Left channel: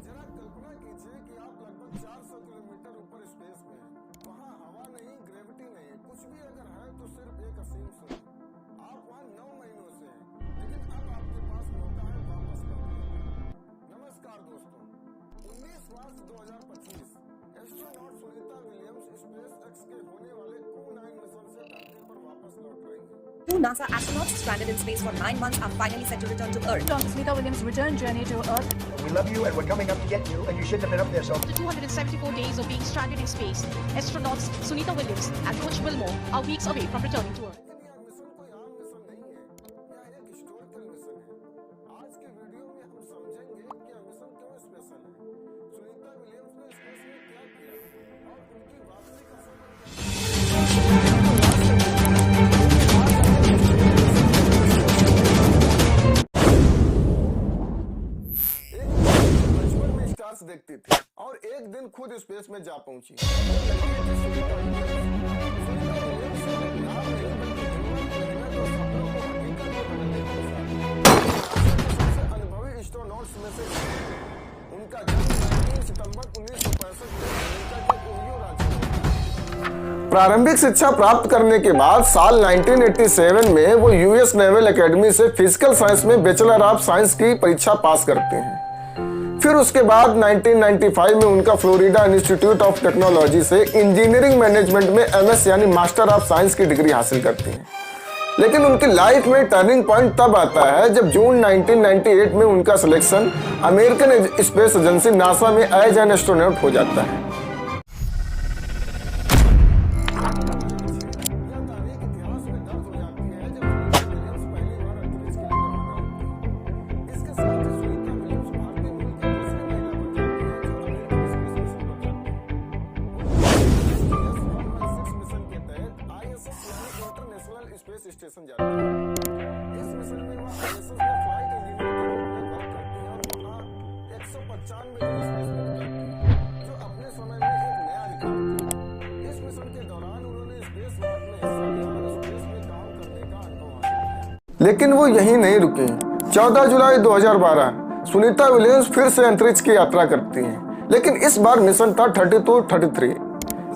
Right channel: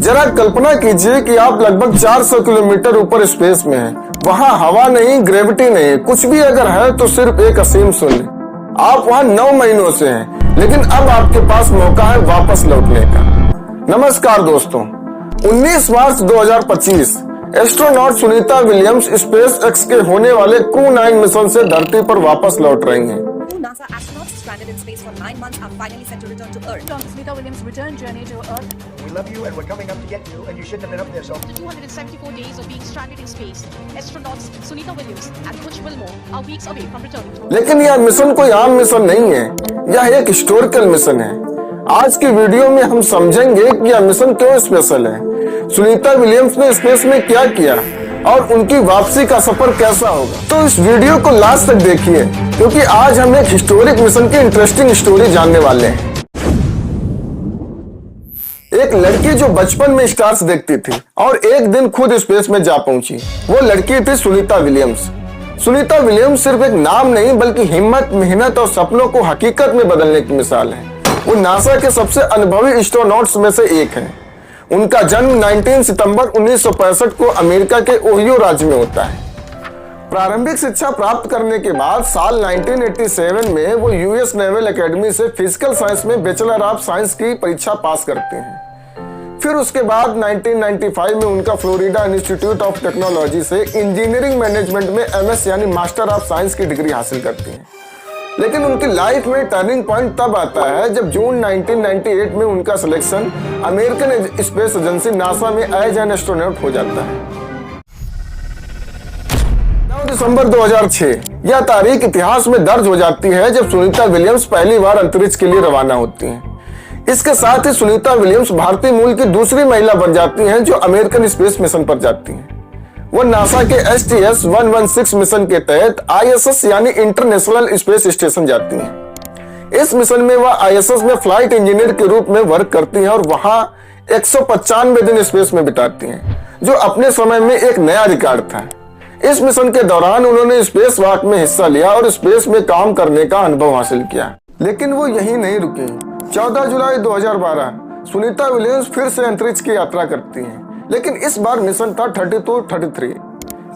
जरा कल्पना कीजिए कि आप लगभग 400 किलोमीटर ऊपर स्पेस में हैं। वहाँ हवा नहीं, ग्रेविटी नहीं, कुछ भी अगर है तो सिर्फ एक असीम शून्य। आप वहाँ 9 महीनों से हैं, लेकिन अब आपके पास मौका है वापस लौटने का। नमस्कार दोस्तों, 19 मार्च 2025 astronaut Sunita Williams space x के होने वाले क्रू 9 मिशन से धरती पर वापस लौट रही हैं। Two NASA astronauts stranded in space for 9 months are finally set to return to Earth. On Sunita Williams' return journey to Earth. We love you and we're coming up to get you, and you shouldn't have been up there, so. After 274 days of being stranded in space, astronauts Sunita Williams and Butch Wilmore are weeks away from returning to Earth. लेकिन यह mission कोई आम mission नहीं है, यह एक historical mission है। आज की वीडियो में हम समझेंगे कि यह मिशन क्यों स्पेशल है, सुनीता विलियम्स ने स्पेस में क्या किया और उनकी वापसी का सफर कैसा होगा। तो इस वीडियो को लास्ट तक देखिए, क्योंकि आज हम एक हिस्टोरिक मिशन की इंटरेस्टिंग स्टोरी जानने वाले हैं। एक लड़की जो बचपन में स्टार्स देखती थी और एक दिन खुद स्पेस में जा पहुंची, वो लड़की थी सुनीता विलियम्स। सुनीता विलियम्स सिर्फ एक नाम नहीं, बल्कि हिम्मत, मेहनत और सपनों को हकीकत में बदलने की मिसाल है। वो नासा के सबसे अनुभवी एस्ट्रोनॉट्स में से एक है। उनका जन्म 19 सितंबर 1965 को अमेरिका के ओहियो राज्य में होता है। प्रारंभिक शिक्षा प्राप्त करने के बाद साल 1987 में वो यूएस नेवल एकेडमी से फिजिकल साइंस में बैचलर ऑफ साइंस की परीक्षा पास करते हैं। फिर उसके बाद 1995 में उनका फ्लोरिडा इंस्टीट्यूट ऑफ टेक्नोलॉजी से इंजीनियरिंग मैनेजमेंट में एमएस यानी मास्टर ऑफ साइंस की डिग्री हासिल करती हैं। लेकिन उनकी लाइफ में टर्निंग पॉइंट तब आता है जब जून 1998 में उनका selection American space agency NASA में एज एन एस्ट्रोनॉट हो जाता है। 9 दिसंबर 2006 यह तारीख इतिहास में दर्ज हो जाती है जब सुनीता विलियम्स पहली बार अंतरिक्ष के लिए रवाना होती हैं। इसके साथ ही सुनीता विलियम्स भारतीय मूल की दूसरी महिला बन जाती हैं जो अमेरिकन स्पेस मिशन पर जाती हैं। वो नासा के STS-116 मिशन के तहत ISS यानी इंटरनेशनल स्पेस स्टेशन जाती हैं। इस मिशन में वह ISS में फ्लाइट इंजीनियर के रूप में वर्क करती हैं और वहां 195 दिन स्पेस में बिताती हैं, जो अपने समय में एक नया रिकॉर्ड था। इस मिशन के दौरान उन्होंने स्पेस वॉक में हिस्सा लिया और स्पेस में काम करने का अनुभव हासिल किया। लेकिन वो यहीं नहीं रुकी। 14 जुलाई 2012 सुनीता विलियम्स फिर से अंतरिक्ष की यात्रा करती हैं, लेकिन इस बार मिशन था 32-33।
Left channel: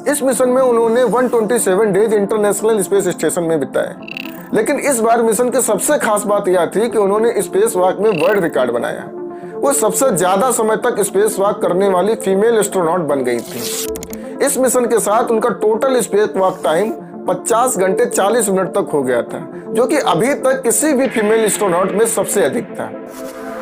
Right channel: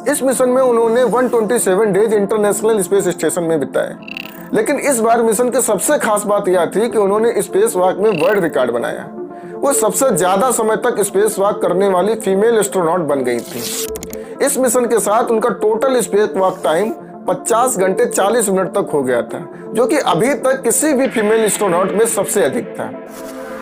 इस मिशन में उन्होंने 127 डेज इंटरनेशनल स्पेस स्टेशन में बिताए। लेकिन इस बार मिशन की सबसे खास बात यह थी कि उन्होंने स्पेस वॉक में वर्ल्ड रिकॉर्ड बनाया। वो सबसे ज्यादा समय तक स्पेस वॉक करने वाली फीमेल एस्ट्रोनॉट बन गई थी। इस मिशन के साथ उनका टोटल स्पेस वॉक टाइम 50 घंटे 40 मिनट तक हो गया था, जो कि अभी तक किसी भी फीमेल एस्ट्रोनॉट में सबसे अधिक था।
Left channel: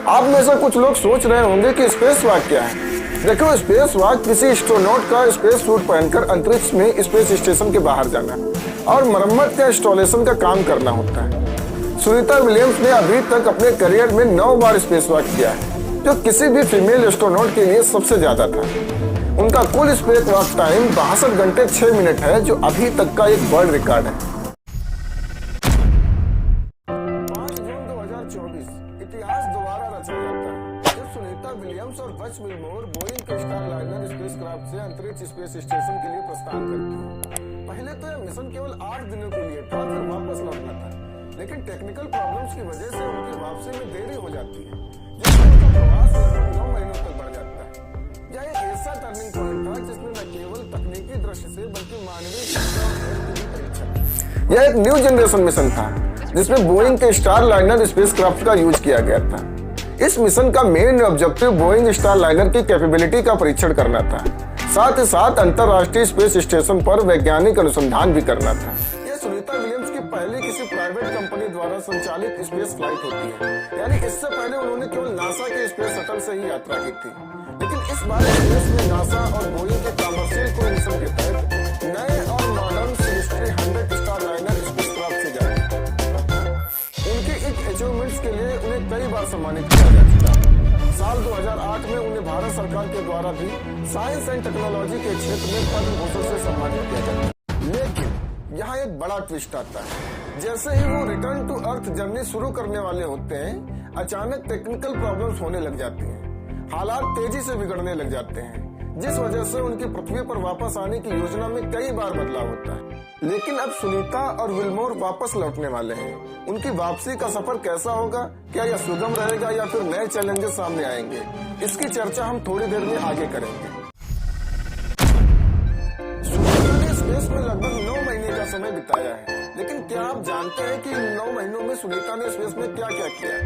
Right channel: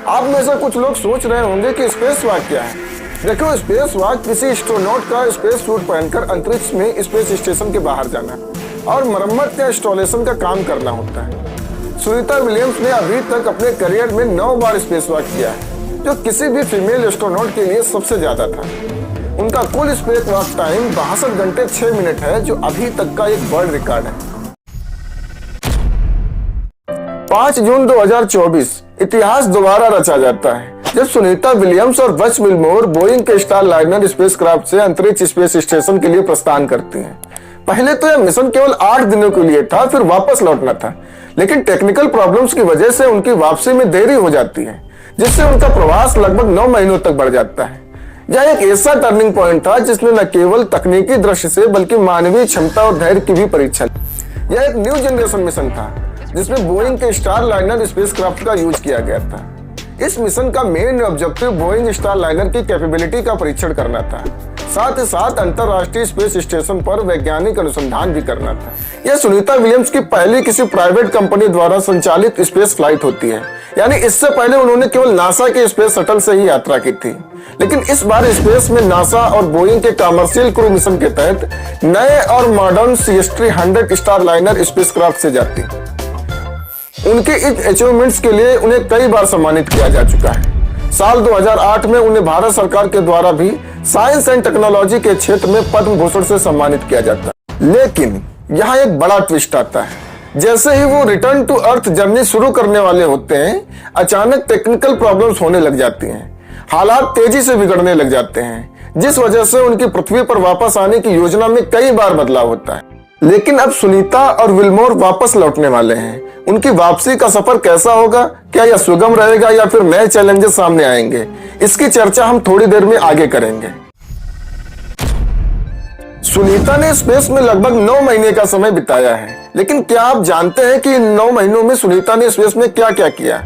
आप में से कुछ लोग सोच रहे होंगे कि स्पेस वॉक क्या है। देखो, स्पेस वॉक किसी एस्ट्रोनॉट का स्पेस सूट पहनकर अंतरिक्ष में स्पेस स्टेशन के बाहर जाना और मरम्मत या इंस्टॉलेशन का काम करना होता है। सुनीता विलियम्स ने अभी तक अपने करियर में 9 बार स्पेस वॉक किया है, जो किसी भी फीमेल एस्ट्रोनॉट के लिए सबसे ज्यादा था। उनका कुल स्पेस वॉक टाइम 62 घंटे 6 मिनट है, जो अभी तक का एक वर्ल्ड रिकॉर्ड है। 5 जून 2024 इतिहास दोबारा रचा जाता है जब सुनीता विलियम्स और बच विलमोर बोइंग के स्टार लाइनर स्पेसक्राफ्ट से अंतरिक्ष स्पेस स्टेशन के लिए प्रस्थान करती हैं। पहले तो यह मिशन केवल 8 दिनों के लिए था, फिर वापस लौटना था। लेकिन टेक्निकल प्रॉब्लम्स की वजह से उनकी वापसी में देरी हो जाती है, जिससे उनका प्रवास लगभग 9 महीनों तक बढ़ जाता है। यह एक ऐसा टर्निंग पॉइंट था जिसने न केवल तकनीकी दृष्टि से बल्कि मानवीय क्षमता और धैर्य की भी परीक्षा ली। यह एक न्यू जनरेशन मिशन था जिसमें बोइंग के स्टार लाइनर स्पेसक्राफ्ट का यूज किया गया था। इस मिशन का main objective Boeing star liner की कैपेबिलिटी का परीक्षण करना था, साथ ही साथ अंतरराष्ट्रीय स्पेस स्टेशन पर वैज्ञानिक अनुसंधान भी करना था। यह सुनीता विलियम्स की पहली किसी प्राइवेट कंपनी द्वारा संचालित स्पेस फ्लाइट होती है, यानी इससे पहले उन्होंने केवल नासा के स्पेस शटल से ही यात्रा की थी। लेकिन इस बार स्पेस में नासा और बोइंग के कमर्शियल क्रू मिशन के तहत नए और modern CST-100 star liner spacecraft से जाती। उनके इस अचीवमेंट्स के लिए उन्हें कई बार सम्मानित किया जा चुका है। साल 2008 में उन्हें भारत सरकार के द्वारा भी साइंस एंड टेक्नोलॉजी के क्षेत्र में पद्म भूषण से सम्मानित किया जाता है। लेकिन यहाँ एक बड़ा ट्विस्ट आता है। जैसे ही वो रिटर्न टू अर्थ जर्नी शुरू करने वाले होते हैं, अचानक टेक्निकल प्रॉब्लम्स होने लग जाती हैं। हालात तेजी से बिगड़ने लग जाते हैं, जिस वजह से उनकी पृथ्वी पर वापस आने की योजना में कई बार बदलाव होता है। लेकिन अब सुनीता और विल्मोर वापस लौटने वाले हैं। उनकी वापसी का सफर कैसा होगा? क्या यह सुगम रहेगा या फिर नए चैलेंजेस सामने आएंगे? इसकी चर्चा हम थोड़ी देर में आगे करेंगे। सुनीता ने स्पेस में लगभग 9 महीने का समय बिताया है, लेकिन क्या आप जानते हैं कि इन 9 महीनों में सुनीता ने स्पेस में क्या क्या किया?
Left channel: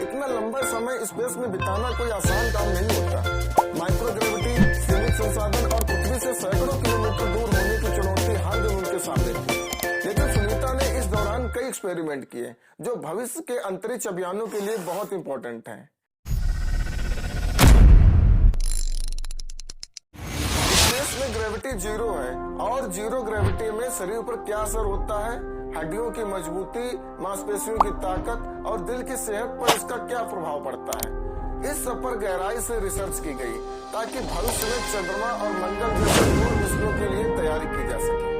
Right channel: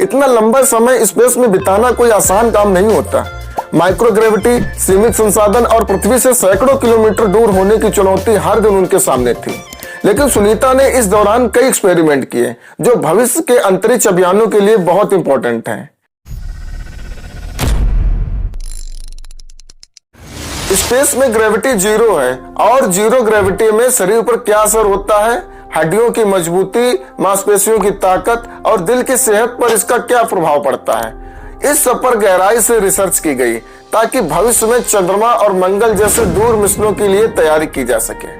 इतना लंबा समय स्पेस में बिताना कोई आसान काम नहीं होता। माइक्रोग्रेविटी, सीमित संसाधन और पृथ्वी से सैकड़ों किलोमीटर दूर होने की चुनौती हर दिन उनके सामने थी। लेकिन सुनीता ने इस दौरान कई एक्सपेरिमेंट किए जो भविष्य के अंतरिक्ष अभियानों के लिए बहुत इंपॉर्टेंट हैं। स्पेस में ग्रेविटी जीरो है और जीरो ग्रेविटी में शरीर पर क्या असर होता है, हड्डियों की मजबूती, मांसपेशियों की ताकत और दिल की सेहत पर इसका क्या प्रभाव पड़ता है, इस सब पर गहराई से रिसर्च की गई ताकि भविष्य में चंद्रमा और मंगल जैसे दूर मिशनों के लिए तैयारी की जा सके।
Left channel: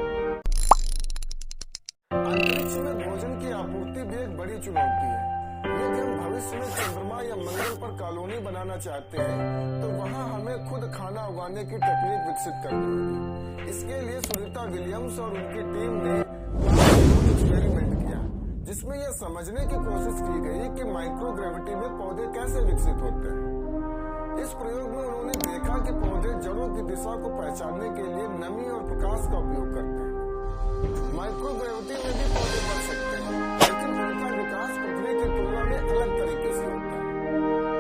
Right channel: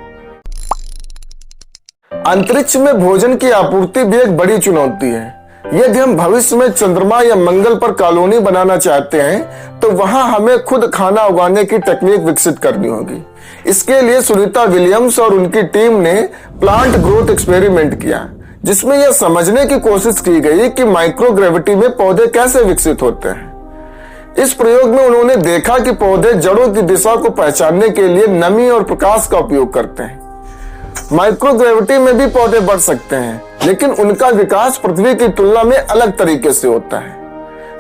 अंतरिक्ष में भोजन की आपूर्ति भी एक बड़ी चुनौती है। यदि हम भविष्य में चंद्रमा या मंगल पर कॉलोनी बनाना चाहते हैं तो वहां हमें खुद खाना उगाने की टेक्निक विकसित करनी होगी। इसके लिए सुनीता विलियम्स और उनकी टीम ने प्लांट ग्रोथ एक्सपेरिमेंट किया, जिसमें यह समझने की कोशिश की गई कि माइक्रोग्रेविटी में पौधे कैसे विकसित होते हैं। इस प्रयोग में उन्होंने देखा कि पौधे जड़ों की दिशा को पहचानने के लिए नमी और प्रकाश का उपयोग करते हैं। माइक्रोग्रेविटी में भी पौधे बढ़ सकते हैं, लेकिन उनका विकास पृथ्वी की तुलना में अलग तरीके से होता है।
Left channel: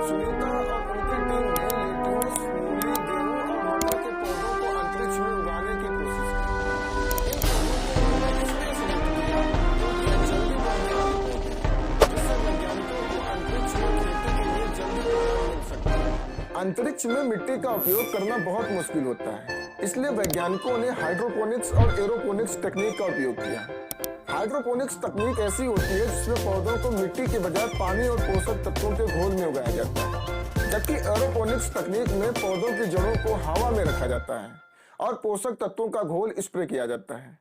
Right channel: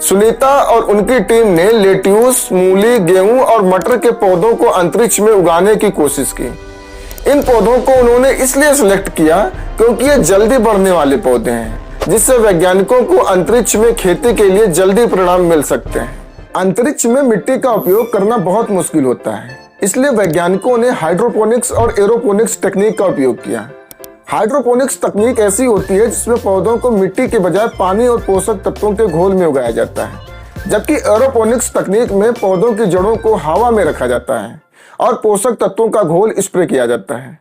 सुनीता और उनकी टीम ने लेट्यूस, मूली, गेहूं और मटर के पौधों को अंतरिक्ष में उगाने की कोशिश की। इन पौधों को उन्होंने इसलिए सिलेक्ट किया क्योंकि ये जल्दी बढ़ने वाले पौधे हैं, जिससे वैज्ञानिकों को अंतरिक्ष में खेती के लिए जल्दी परिणाम मिल सकते हैं। अंतरिक्ष में मिट्टी का उपयोग करना बहुत मुश्किल होता है, इसलिए वैज्ञानिकों ने हाइड्रोपोनिक्स और एरोपोनिक्स तकनीक का उपयोग किया। हाइड्रोपोनिक्स तकनीक ऐसी होती है जिसमें पौधों को मिट्टी के बजाय पानी और पोषक तत्वों के घोल में उगाया जाता है, जबकि एरोपोनिक्स तकनीक में पौधों की जड़ों को हवा में रखा जाता है और पोषक तत्वों का घोल स्प्रे किया जाता है।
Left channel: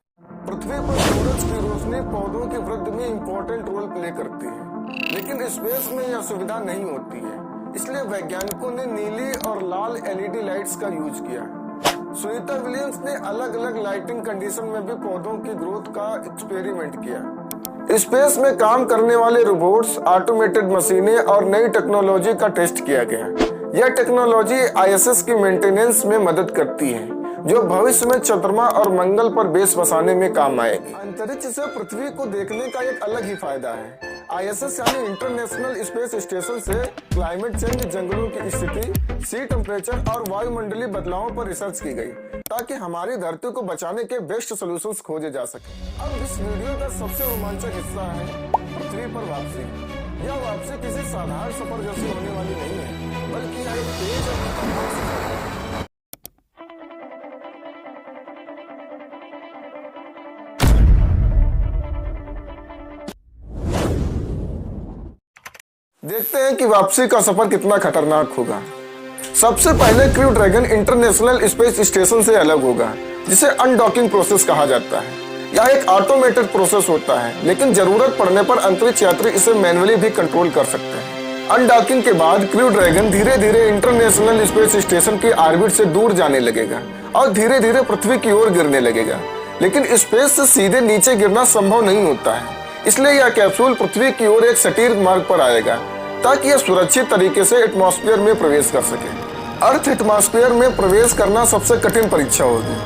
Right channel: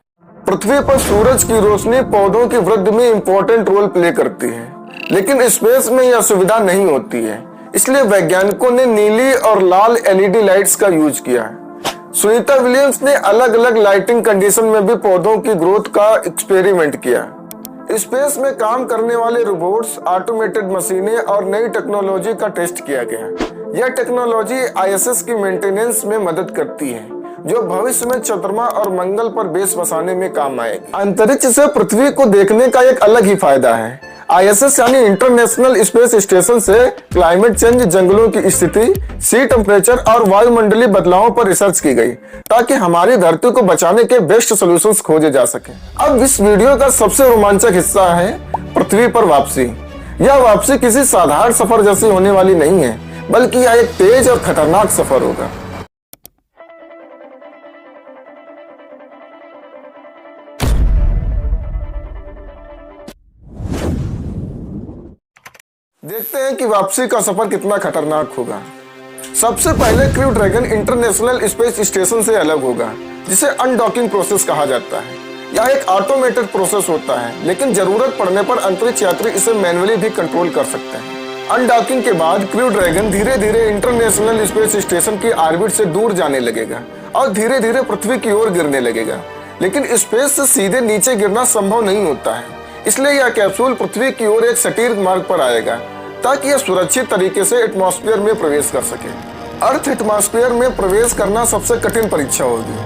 पृथ्वी पर सूरज की रोशनी पौधों की वृद्धि में इंपॉर्टेंट रोल प्ले करती है, लेकिन स्पेस में यह सुविधा नहीं होती है, इसलिए वैज्ञानिकों ने नीली और लाल LED लाइट्स का यूज किया। सुनीता विलियम्स ने अलग अलग लाइटिंग कंडीशन में भी पौधों की ग्रोथ का एक्सपेरिमेंट किया। स्पेस में काम करने वाले रोबोट्स, ऑटोमेटेड मशीनें और नई टेक्नोलॉजी का टेस्ट किया गया। यह टेक्नोलॉजी ISS की मेंटेनेंस में मदद करती है, जो भविष्य में चंद्रमा और मंगल पर बेस बसाने में काम आएगी। अंतरिक्ष से पृथ्वी को देखने का एक अलग ही फायदा है। ISS यानी इंटरनेशनल स्पेस स्टेशन से क्लाइमेट चेंज, जंगलों की स्थिति, सी टेम्परेचर और वायुमंडलीय बदलावों पर रिसर्च की गई ताकि हमारी धरती को बचाने के बेस्ट सॉल्यूशंस खोजे जा सके। अब इस वीडियो का सबसे रोमांचक हिस्सा है पृथ्वी पर वापसी। यह वापसी किसी साधारण सफर जैसी होने वाली नहीं है, बल्कि यह एक तेज और खतरनाक सफर होगा। देखते हैं कि वापसी का सफर कितना खतरनाक होगा। सबसे पहले crew dragon international space station से अलग होगा, जिसे अनडॉकिंग प्रोसेस कहा जाता है। यह एक ऑटोमेटेड प्रोसेस होता है, लेकिन जरूरत पड़ने पर अंतरिक्ष यात्री इसे मैन्युअली भी कंट्रोल कर सकते हैं। अनडॉकिंग के बाद क्रू ड्रैगन धीरे धीरे इंटरनेशनल स्पेस स्टेशन की ऑर्बिट से दूर जाने लगेगा और धीरे धीरे पृथ्वी की ओर गिरने लगेगा। लेकिन स्पेस से सीधे नीचे गिरना संभव नहीं होता है, इसलिए यह कैप्सूल पृथ्वी की ओर एक सटीक मार्ग पर आएगा ताकि यह सुरक्षित तरीके से एटमॉस्फेयर में प्रवेश कर सके। अर्थ एटमॉस्फेयर में प्रवेश करना सबसे कठिन परीक्षा होगी।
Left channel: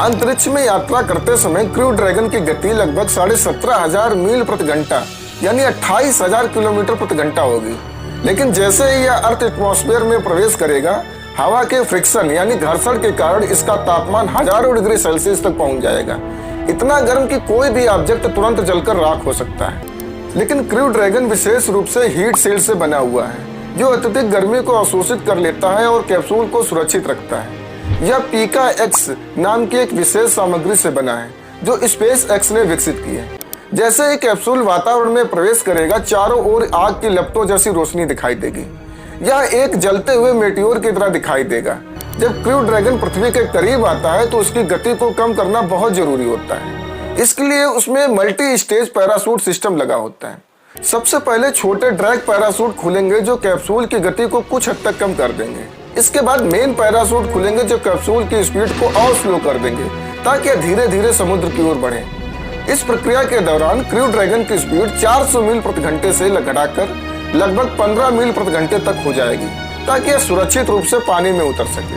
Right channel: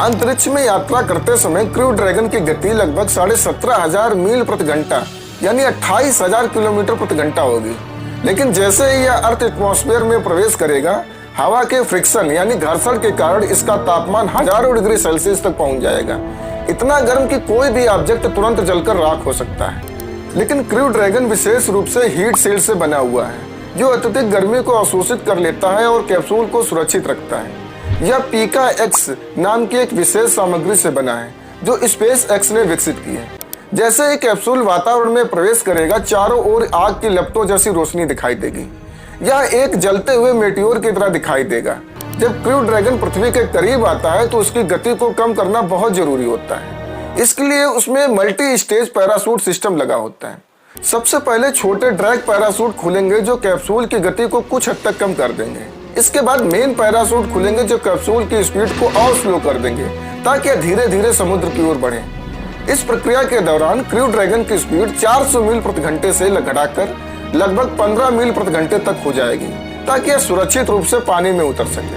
अंतरिक्ष में यात्रा करते समय क्रू ड्रैगन की गति लगभग 17,500 मील प्रति घंटा यानी 28,000 किलोमीटर प्रति घंटा होगी। लेकिन जैसे ही यह अर्थ एटमॉस्फेयर में प्रवेश करेगा, हवा के फ्रिक्शन यानी घर्षण के कारण इसका तापमान हजारों डिग्री सेल्सियस तक पहुंच जाएगा, इतना गर्म कि कोई भी ऑब्जेक्ट तुरंत जलकर राख हो सकता है। लेकिन क्रू ड्रैगन विशेष रूप से हीट शील्ड से बना हुआ है, जो अत्यधिक गर्मी को अवशोषित कर लेता है और कैप्सूल को सुरक्षित रखता है। यह पीका एक्स नाम की एक विशेष सामग्री से बना है, जो स्पेस एक्स ने विकसित की है। जैसे ही कैप्सूल वातावरण में प्रवेश करेगा, चारों ओर आग की लपटों जैसी रोशनी दिखाई देगी। यह एक जलते हुए मेटियोर की तरह दिखाई देगा। जब क्रू ड्रैगन पृथ्वी के करीब आता है तो उसकी गति को कम करना बहुत जरूरी होता है। इसके लिए उसमें मल्टी स्टेज पैराशूट सिस्टम लगा होता है। सबसे पहले छोटे ड्रैग पैराशूट खुलेंगे जो कैप्सूल की गति को कुछ हद तक कम कर देंगे। इसके बाद मेन पैराशूट खुलेंगे जो कैप्सूल की स्पीड को और स्लो कर देंगे ताकि यह धीरे धीरे समुद्र की ओर बढ़े। इस प्रक्रिया के दौरान क्रू ड्रैगन की स्पीड 400 मील प्रति घंटे से घटाकर लगभग 15 मील प्रति घंटे तक हो जाएगी, ताकि यह सुरक्षित रूप से पानी में उतर सके।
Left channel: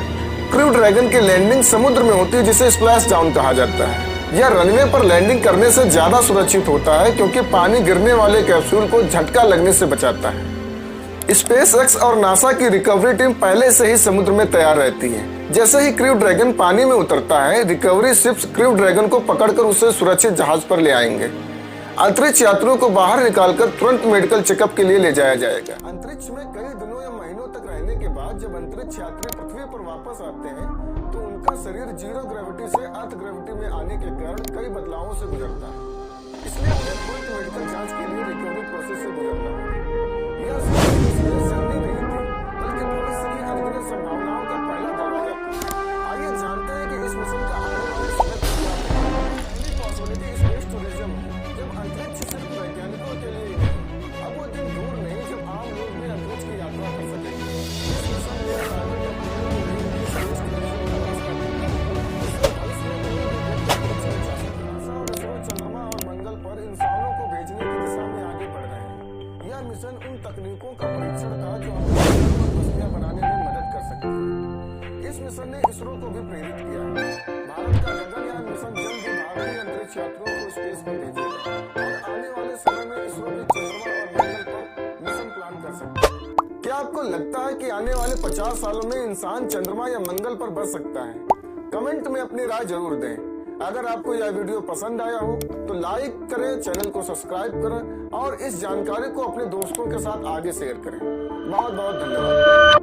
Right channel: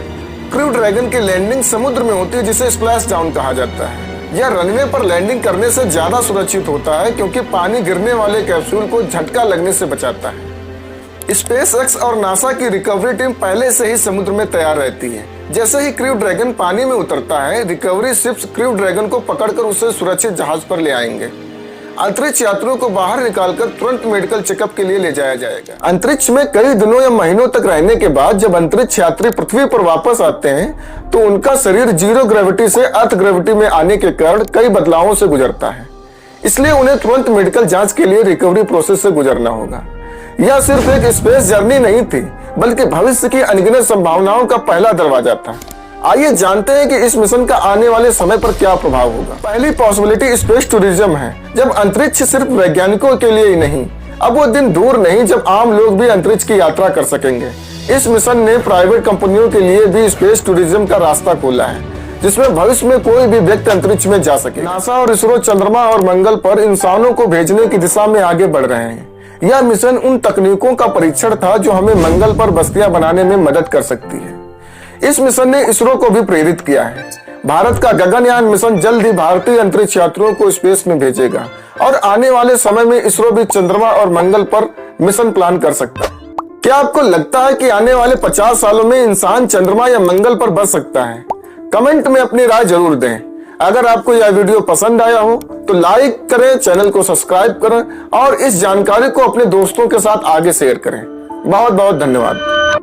क्रू ड्रैगन की लैंडिंग समुद्र में होती है, जिसे स्प्लैश डाउन कहा जाता है। यह रनवे पर लैंडिंग करने से ज्यादा सुरक्षित होता है, क्योंकि पानी गिरने वाले कैप्सूल को झटका लगने से बचाता है। SpaceX और नासा की रिकवरी टीम पहले से ही समुद्र में तैयार रहती है। जैसे ही क्रू ड्रैगन पानी में उतरता है, रिकवरी शिप्स क्रू ड्रैगन को पकड़कर उसे सुरक्षित जहाज पर ले आएंगे। अंतरिक्ष यात्रियों को बाहर निकालकर तुरंत मेडिकल चेकअप के लिए ले जाया जाएगा। अंतरिक्ष में कई दिनों या महीनों तक रहने के बाद जब अंतरिक्ष यात्री पृथ्वी पर वापस आते हैं, तो उनका शरीर जीरो ग्रेविटी से अर्थ ग्रेविटी में आने के कारण कई बदलावों से गुजरता है। इसलिए उन्हें तुरंत मेडिकल जांच के लिए रिकवरी प्रोसेस से गुजरना होगा। यह सिर्फ एक स्पेस जर्नी नहीं थी, बल्कि भविष्य की अनगिनत संभावनाओं का पहला दरवाजा था। आइए जानते हैं कि इस मिशन का आने वाले समय पर क्या प्रभाव होगा। पहली पॉसिबिलिटी स्पेस टूरिज्म है, जब अंतरिक्ष सिर्फ वैज्ञानिकों के लिए ही नहीं, अब वो दिन दूर नहीं जब आम लोग भी अंतरिक्ष की यात्रा कर सकेंगे। इस मिशन ने प्राइवेट कंपनियों के लिए भी स्पेस टूरिज्म का रास्ता खोला है, जिसमें भविष्य में कोई भी व्यक्ति अंतरिक्ष में जा सके। नासा और इसरो चंद्रमा और मंगल पर इंसानों को भेजने की दिशा में आगे बढ़ रहे हैं। यह मिशन उन तकनीकों का परीक्षण था जो हमें मंगल पर बस्तियां बनाने में मदद कर सकती है। इस मिशन ने इसरो को भी प्रेरित किया है। भारत का गगनयान मिशन जल्द ही भारतीय अंतरिक्ष यात्रियों को स्पेस में भेजेगा और आने वाले समय में इसरो भी चंद्रमा और मंगल पर मिशन प्लान कर सकता है। क्या आपको लगता है कि आने वाले 50 सालों में इंसान चंद्रमा या मंगल पर बस सकता है? कमेंट में अपनी राय जरूर दें। अगर आपको यह वीडियो पसंद आया हो तो लाइक करें, चैनल को सब्सक्राइब करें और इस जानकारी को अपने दोस्तों के साथ आगे शेयर करें। बहुत बहुत धन्यवाद।